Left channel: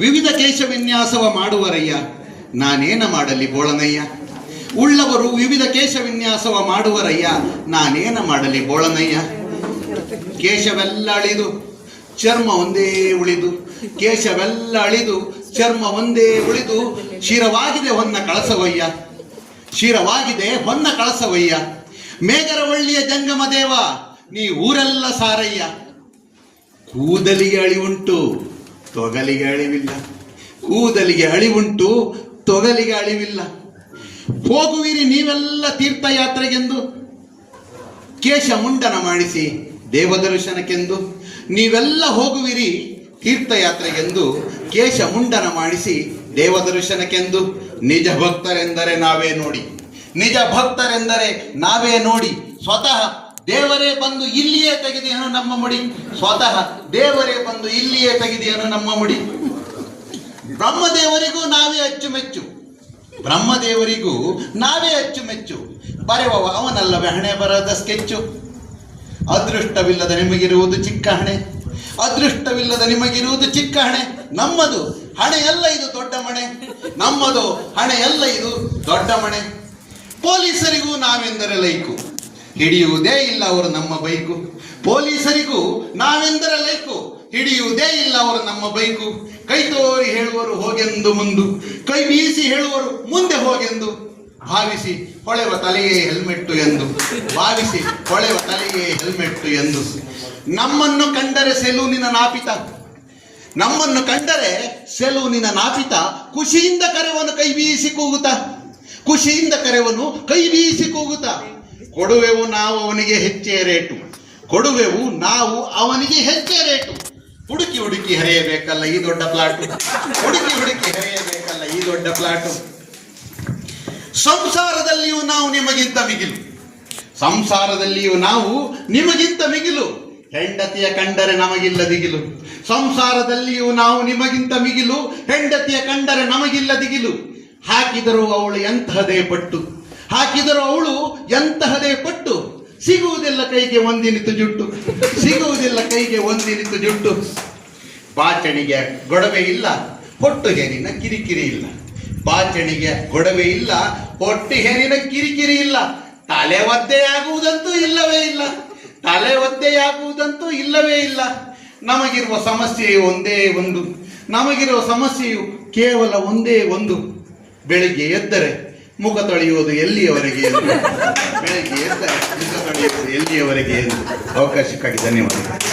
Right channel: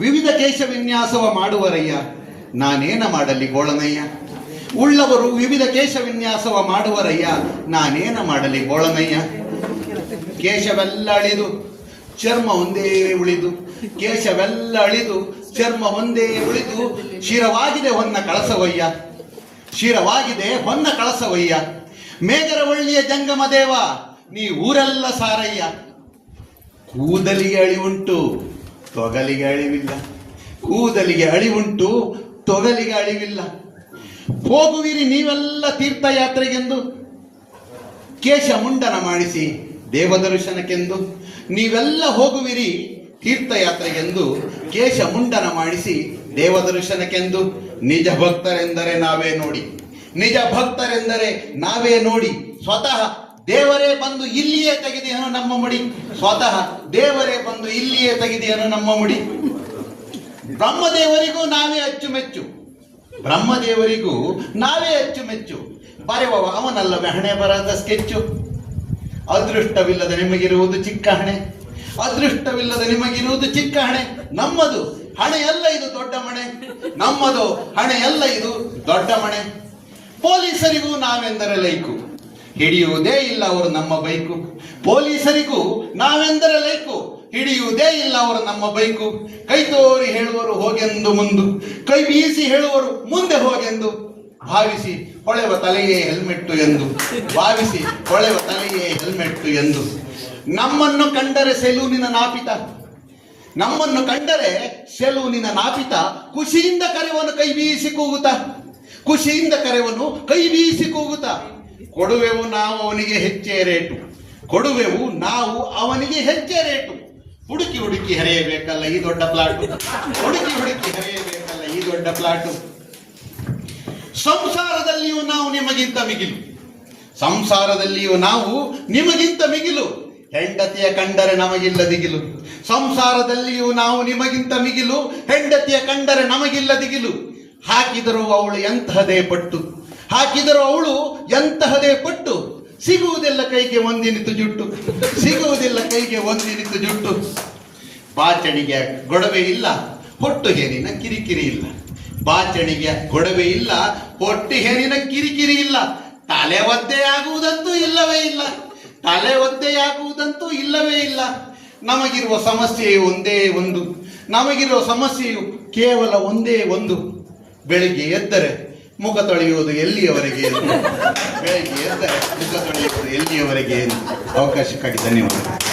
ವಿವಿಧ ಕೇಶ ವಿನ್ಯಾಸವ ಮಾಡುವರಯ್ಯ, ನಾನೇನ ಮಾಡಲಿ ಬೋಳನಯ್ಯ. ಉಳ್ಳವರು ವಿವಿಧ ಕೇಶ ವಿನ್ಯಾಸವ ಮಾಡುವರಯ್ಯ, ನಾನೇನ ಮಾಡಲಿ ಬೋಳನಯ್ಯ. ಕೇಶವೆಲ್ಲ ಅಳಿದು ಚರ್ಮ ಒಂದೇ ಉಳಿದು, ಕೇಶವೆಲ್ಲ ಅಳಿದು ಚರ್ಮ ಒಂದೇ ಉಳಿದು, ಶಿರವಾಗಿದೆ ಹೊನ್ನ ಕಳಸವಯ್ಯ, ಶಿರವಾಗಿದೆ ಹೊನ್ನ ಕಳಸವಯ್ಯ. ಮೇಗರವಳ್ಳಿಯ ಜಂಗಮ ದೇವ, ನೀ ಊರೆಲ್ಲ ಸಾರಯ್ಯ. ಕೂದಲಿಗೆ ಅಳಿವುಂಟು ತೊಗಲಿಗೆ ಅಳಿವಿಲ್ಲ, ಕೂದಲಿಗೆ ಅಳಿವುಂಟು ತೊಗಲಿಗೆ ಅಳಿವಿಲ್ಲ. ಹೋಗುವಿರಿ ನೀವೆಲ್ಲ ತೀರ್ಥಯಾತ್ರೆಗೆಂದು, ಕೇಶ ಮುಂಡನ ಮಾಡಿಸಿ ದೇವದರ್ಶನಕ್ಕೆಂದು. ನೀವೆಲ್ಲ ಹೋಗುವಿರಿ ತೀರ್ಥಯಾತ್ರೆಗೆಂದು, ಕೇಶ ಮುಂಡನ ಮಾಡಿಸಿ ದೇವದರ್ಶನಕ್ಕೆಂದು. ನಿಜ ಭಕ್ತರೆಂದರೆ ನಾವೇ ನೋಡಿ, ನಿಜ ಭಕ್ತರೆಂದರೆ ನಾವೇ ನೋಡಿ. ಸ್ವತಃ ದೇವರೇ ಬಂದು ಇಲ್ಲಿಯೇ ತೆಗೆದಿಯನು ನಮ್ಮ ಮುಡಿ, ಸ್ವತಃ ದೇವರೇ ಬಂದು ಇಲ್ಲಿಯೇ ತೆಗೆದಿಯನು ನಮ್ಮ ಮುಡಿ. ಬ್ರಹ್ಮದೇವರಿಗೂ ನಾವೇ ಅಚ್ಚುಮೆಚ್ಚು, ಬ್ರಹ್ಮದೇವರಿಗೂ ನಾವೇ ಅಚ್ಚುಮೆಚ್ಚು. ಬರೆಯುವವ ಅವನಲ್ಲವೇ ಹಣೆ ಬರದ ಸ್ಕೆಚ್ಚು. ಅದೃಷ್ಟವಿಲ್ಲದ ನಿಮಗಿರುವುದು ಚಿಕ್ಕ ಹಣೆ, ಅದೃಷ್ಟವಿಲ್ಲದ ನಿಮಗಿರುವುದು ಚಿಕ್ಕ ಹಣೆ. ನಮ್ಮದು ಹಣೆಯಲ್ಲ ಇದು ದೊಡ್ಡ ಮಣೆ, ನಮ್ಮದು ಹಣೆಯಲ್ಲ ಇದು ದೊಡ್ಡ ಮಣೆ. ಪೊಲೀಸರಿಗೂ ನಾವೆಂದರೆ ಲೈಕು, ಹಿಡಿಯುವುದೇ ಇಲ್ಲ ಅವರು ನಮ್ಮ ಬೈಕು. ಪೊಲೀಸರಿಗೂ ನಾವೆಂದರೆ ಲೈಕು, ಹಿಡಿಯುವುದೇ ಇಲ್ಲ ಅವರು ನಮ್ಮ ಬೈಕು. ಕೈ ತೋರಿ ಹೇಳುವರು ಹೋಗೆಂದು ಮುಂದು, ಕೈ ಬೀಸಿ ಹೇಳುವರು ಮುಂದೆ ಹೋಗೆಂದು. ಭಾವಿಸಿ ಹೊಳೆವ ತಲೆಯೇ ಹೆಲ್ಮೆಟ್ಟು ಎಂದು, ಭಾವಿಸಿ ಹೊಳೆವ ತಲೆಯೇ ಹೆಲ್ಮೆಟ್ಟು ಎಂದು. ನಮ್ಮನ್ನು ಕಂಡರೆ ಸೆಲೂನಿನ ನಾಪಿತ, ನಮ್ಮನ್ನು ಕಂಡರೆ ಸೆಲೂನಿನ ನಾಪಿತ. ಖುಷಿಯಿಂದ ಕರೆವನು ಕೈ ಬೀಸಿ ಕೂಗುತ್ತ, ಖುಷಿಯಿಂದ ಕರೆವನು ಕೈ ಬೀಸಿ ಕೂಗುತ್ತ. ಕೊಡುವೆವು ನಾವು ಅವನಿಗೆ ಹೆಚ್ಚೇ ರೇಟು, ಕೊಡುವೆವು ನಾವು ಅವನಿಗೆ ಹೆಚ್ಚೇ ರೇಟು. ಹುಡುಕಿ ಹುಡುಕಿ ಹರಿಯಬೇಕಲ್ಲ ಈ ದೊಡ್ಡ ಪ್ಲಾಟು, ಹುಡುಕಿ ಹುಡುಕಿ ಹರಿಯಬೇಕಲ್ಲ ಈ ದೊಡ್ಡ ಪ್ಲಾಟು. ಸಂಸಾರದಲ್ಲಿಯೂ ನಾವು ನಿಮಗಿಂತ ಮಿಗಿಲು, ಸಂಸಾರದಲ್ಲಿಯೂ ನಾವು ನಿಮಗಿಂತ ಮಿಗಿಲು. ಹೆಂಡತಿಯ ಕಂಡರೆ ನಮಗಿಲ್ಲ ದಿಗಿಲು, ಸಂಸಾರದಲ್ಲಿಯೂ ನಾವು ನಿಮಗಿಂತ ಮಿಗಿಲು. ಹೆಂಡತಿಯ ಕಂಡರೆ ನಮಗಿಲ್ಲ ದಿಗಿಲು. ಹಾಕಿದರೂ ಅವಳು ಎಂತಹದೇ ಪಟ್ಟು, ಹಾಕಿದರೂ ಅವಳು ಎಂತಹದೇ ಪಟ್ಟು. ಸಿಗುವುದಿಲ್ಲ ಕೈಗೆ ಒಂದಿನಿತು ಜುಟ್ಟು, ಸಿಗುವುದಿಲ್ಲ ಕೈಗೆ ಒಂದಿನಿತು ಜುಟ್ಟು. ಬಾಚಣಿಗೆ ಗೊಡವೆ ಇಲ್ಲ, ಹೊಟ್ಟು ಹೇರಿನ ಕಿರಿಕಿರಿ ಇಲ್ಲ. ಬಾಚಣಿಗೆ ಗೊಡವೆ ಇಲ್ಲ, ಹೊಟ್ಟು ಹೇರಿನ ಕಿರಿಕಿರಿ ಇಲ್ಲ. ತಲೆ ಒದ್ದೆಯಾಗುವುದಂತೂ ಇಲ್ಲವೇ ಇಲ್ಲ, ತಲೆ ಒದ್ದೆಯಾಗುವುದಂತೂ ಇಲ್ಲವೇ ಇಲ್ಲ. ನಮಗಿರುವ ಸಮಸ್ಯೆಯು ಒಂದೇ ಒಂದು, ನಮಗಿರುವ ಸಮಸ್ಯೆಯು ಕೇವಲ ಒಂದೇ ಒಂದು. ಬೆಳಿಗ್ಗೆ ಎದ್ದರೆ ಮುಖ ತೊಳೆಯುವುದು ಎಲ್ಲಿಯವರೆಗೆ ಎಂದು, ಬೆಳಿಗ್ಗೆ ಎದ್ದರೆ ಮುಖ ತೊಳೆಯುವುದು ಎಲ್ಲಿಯವರೆಗೆ ಎಂದು. ಅವಕಾಶಕ್ಕಾಗಿ ಧನ್ಯವಾದಗಳು.